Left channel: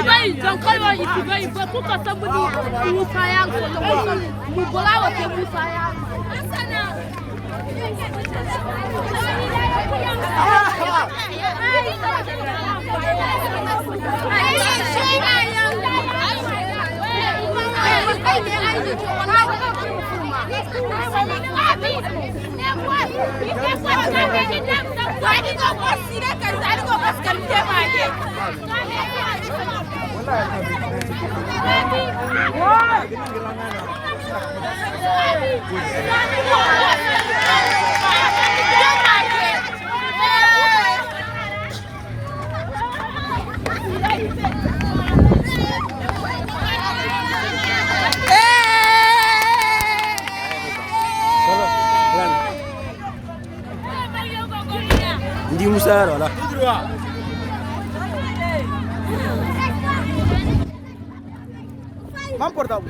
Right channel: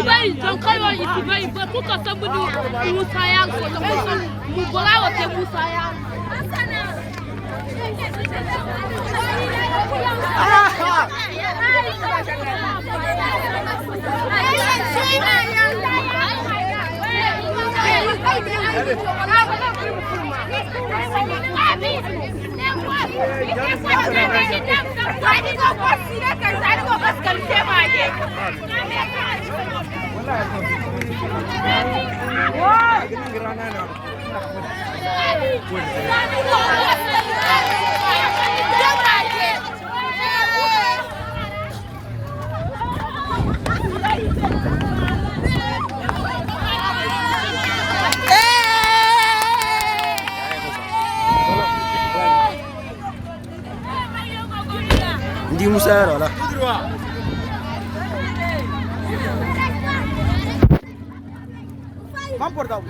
Ibai jankayo ibai ba kuka sabudu Musa ya ko mu bolawa te Musa ya Hindi Musa wala. Mam portavo.